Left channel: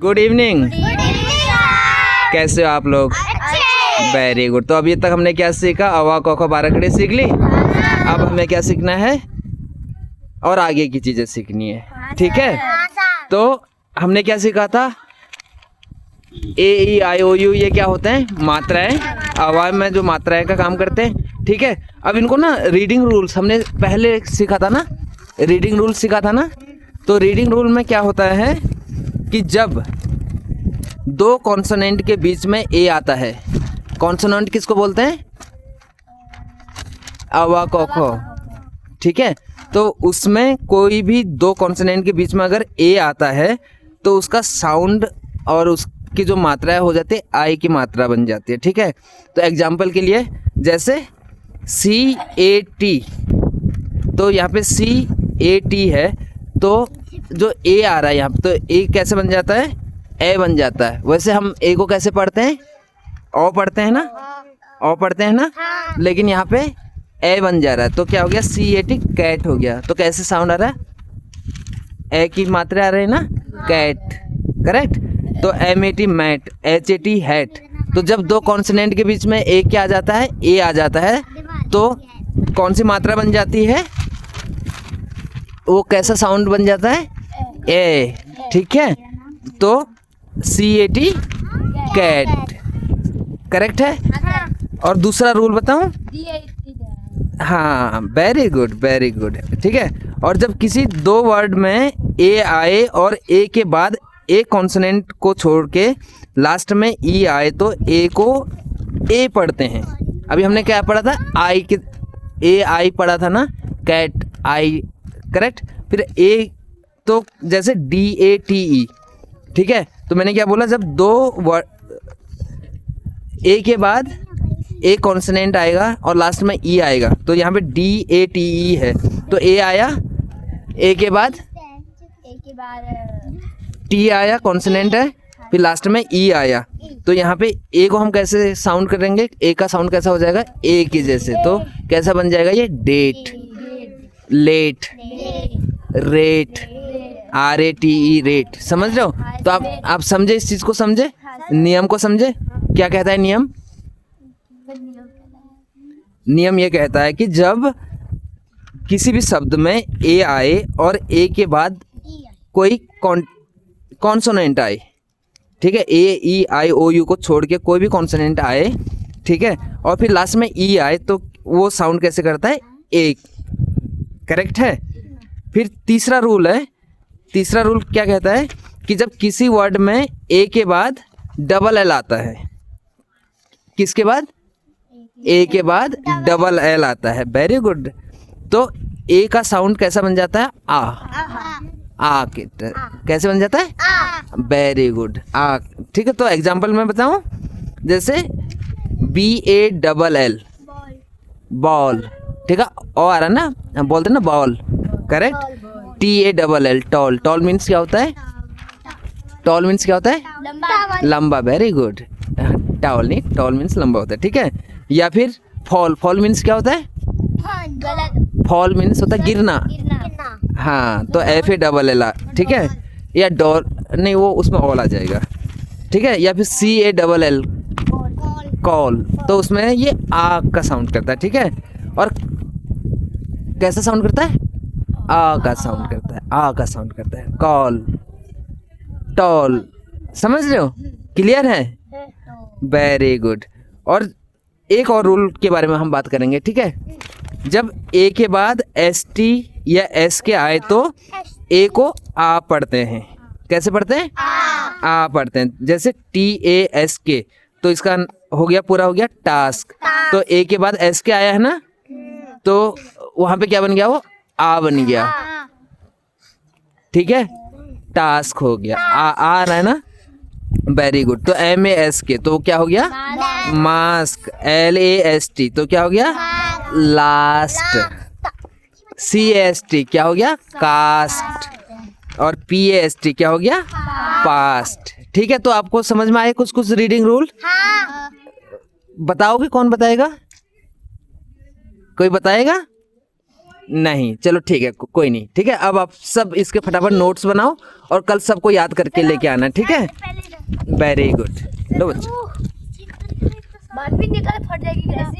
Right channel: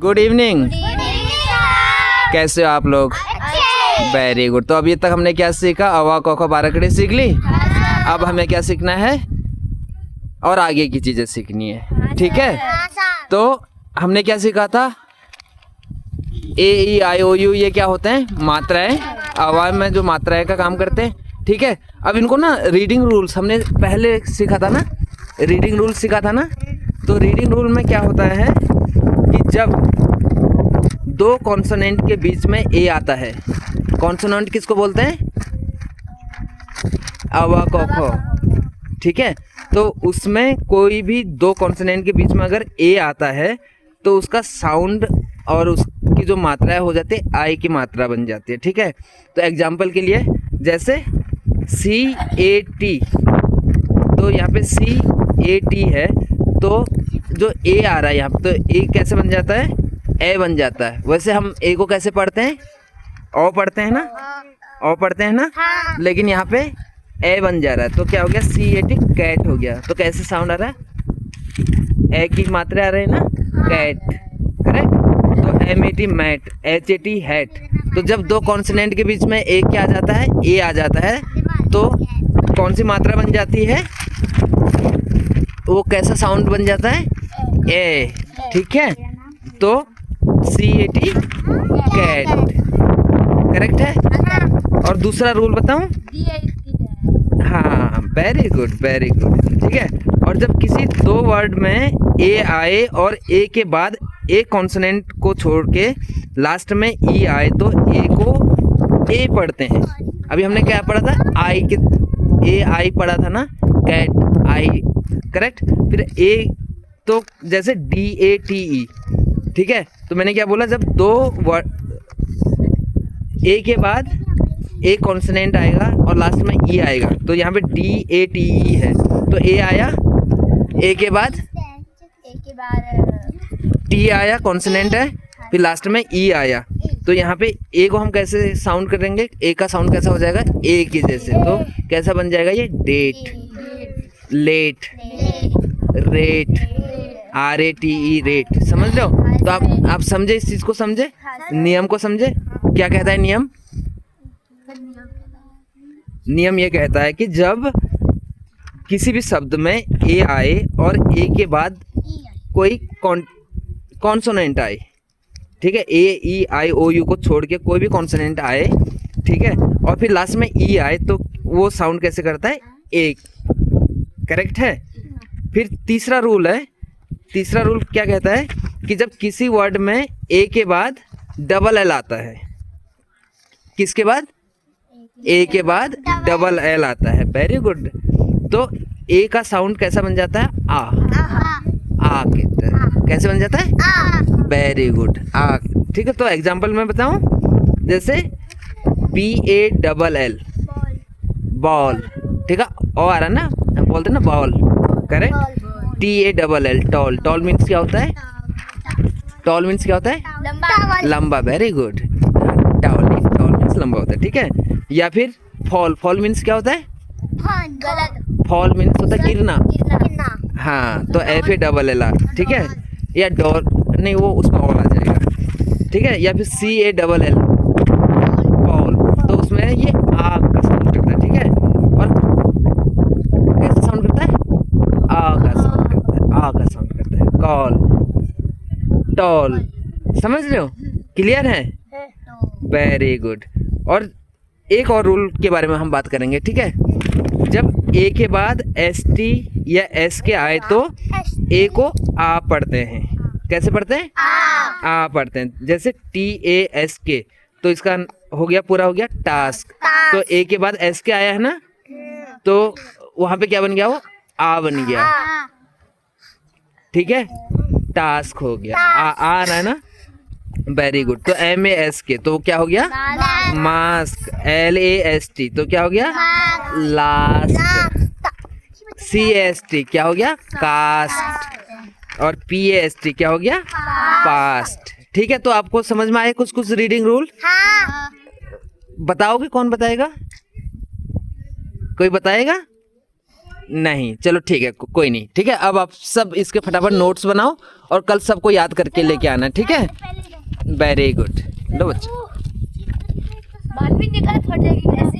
Good evening. कैसे हो आप लोग? Very good. तो अभी तक हमने क्या सीखा? अवा क ख बारहकड़ी सीख ली। अब हमें क्या सीखना है और आगे की चीज़ें सीखनी है, ठीक है? तो हमने क्या सीखा था? ए ई आई ओ यू, ये क्या होते हैं? मात्राएं। आवाज में जो मात्राएं का काम करते हैं, ठीक है? अब इनको ना रीडिंग रूल्स हमने पहले सीखा था ना, रीडिंग रूल्स सीखा था ना। तो रीडिंग रूल में क्या होता है कि जब दो कॉन्सोनेंट के बीच में ए आता है, कॉन्सोनेंट किसको बोलते हैं? अवा क ख, ठीक है? तो उसमें कोई भी दो कॉन्सोनेंट के बीच में अगर ए आता है तो उसका साउंड और उसकी जो मात्राएं हो जाती है आई की मात्रा बन जाती है, ठीक है? तो एग्जाम्पल के लिए जैसे सी ए टी, तो यहाँ पे सी ए टी है, तो जो ए आ रहा है यहाँ पे, तो ए कैसे बन जाता है? ए बन जाता है। वैसे हम ए को कैसे पढ़ते हैं? ओ पढ़ते हैं ना, ओ पढ़ते हैं ना, लेकिन यहाँ पे ए बन जा रहा है, तो क्या हो गया? सी ए टी, कैट हो गया। तो कैसे साउंड आ रहा है? ए की मात्रा आ रही है ना, कैट, करेक्ट? तो M A T mat, H A T hat. तो जब दो कॉन्सोनेंट के बीच में ए क्या आ जाता है? ए आ जाता है, तो कौन सी मात्रा बन जाती है? वो कैसा साउंड बन जाता है? ए, ठीक है? तो सी ए टी कैट, करेक्ट है? और दूसरा रूल बताऊं? हाँ, वेरी गुड, वेरी गुड, ठीक है? और जब किसी दो वर्ड में ए आए और ए के बाद एक कॉन्सोनेंट को छोड़ के लास्ट में ई आए तो ए को ए पढ़ते हैं। अभी हमने क्या पढ़ा था? आई के ए आई पढ़ा था ना, कैट आई, करेक्ट? फिर ए तो जैसे डी ए टी ई, ठीक है? तो मैंने क्या बोला? जब दो वर्ड ए के बाद एक कॉन्सोनेंट आएगा और लास्ट में ई आएगा, तो यहाँ पे डी ए टी ई है, तो ए आया, ए के बाद टी आया, कॉन्सोनेंट है, फिर लास्ट में ई आया, तो यहाँ पे ए को हम कैसे साउंड करेंगे? ए का साउंड कैसा हो जाएगा? ए की जैसे। तो कैसा बन जाएगा ये? Date, late, rate, R A T E, rate. समझ रहे हो? तो आप समझे इस चीज़ को, समझे नियम को, समझे क्या कहता है नियम? नियम ये कहता है कि जब किसी भी शब्द में ए आए और ए के बाद कोई कॉन्सोनेंट आए, ठीक है? ए ई आई ओ यू को छोड़ के कोई भी कॉन्सोनेंट आए, ठीक है? और फिर लास्ट में ई आए, तो वो साउंड कैसे करता है? ए, करेक्ट है? फिर तीसरा रूल है, तीसरा रूल क्या कहता है कि जब किसी वर्ड में ए के बाद डबल एल आता है, किसके बाद? ए के बाद डबल एल आता है, वेरी गुड। तो ए का साउंड कैसा बन जाता है? आ कैसे बन जाता है? वेरी गुड, आ, ठीक है? तो एग्जाम्पल मैं बताऊं, जैसे B A double L, ball, ठीक है? ओ आ रहा ना, हम बोलते हैं ना ball, correct? T A double L, tall, tall means क्या होता है? टॉल मीन्स क्या होता है? लंबा, वेरी गुड। टॉल नहीं, टॉल मीन्स लंबा होता है, ठीक है? या फिर फॉल, फॉल मीन्स क्या होता है? फॉल मीन्स होता है गिरना, हाँ, तो F A double L R, ठीक है? या डॉल नहीं, वो उसमें ऑल आ जाएगा, ठीक है? या फिर सी ए डबल एल, कॉल, तो उसमें ये आ का साउंड करता है, ठीक है? और कैसे साउंड करता है? आ का साउंड करता है, आ का साउंड करता है, कॉल, टॉल। समझ रहे हो? क्लियर है? Very good. और एक और रूल के बारे में हम बात करेंगे, ठीक है? जब ए के बाद एस टी या एस के आए तो ए को आ पढ़ते हैं। कैसे पढ़ते हैं? आ पढ़ते हैं। जैसे टी ए एस के, तो इसका हो गया, पूरा हो गया टास्क। तो ए के बाद एस के आया है ना, तो वहाँ पे क्या बन गया? वो आ बन गया, ठीक है? टास्क हो गया, आ रहा है ना, वेरी गुड। तो एम ए एस के, तो क्या हो गया? Mask. L A S T, तो क्या हो गया? लास्ट। सी एस टी क्या हो गया? कास्ट। और पी ए एस टी क्या हो गया? पास्ट, ठीक है? तो आपको समझ में आए कुछ कुछ रीडिंग रूल? बताओगे? कौन बताएगा? कोई बताएगा? नहीं, चलो ठीक है, कोई नहीं, ठीक है। अब आप सब इसके फटाफट नोट्स बनाओ और कल सबको याद करके लेके आना, ठीक है। वेरी गुड, लो बच्चा। बात भी निकाल फट जाएगी।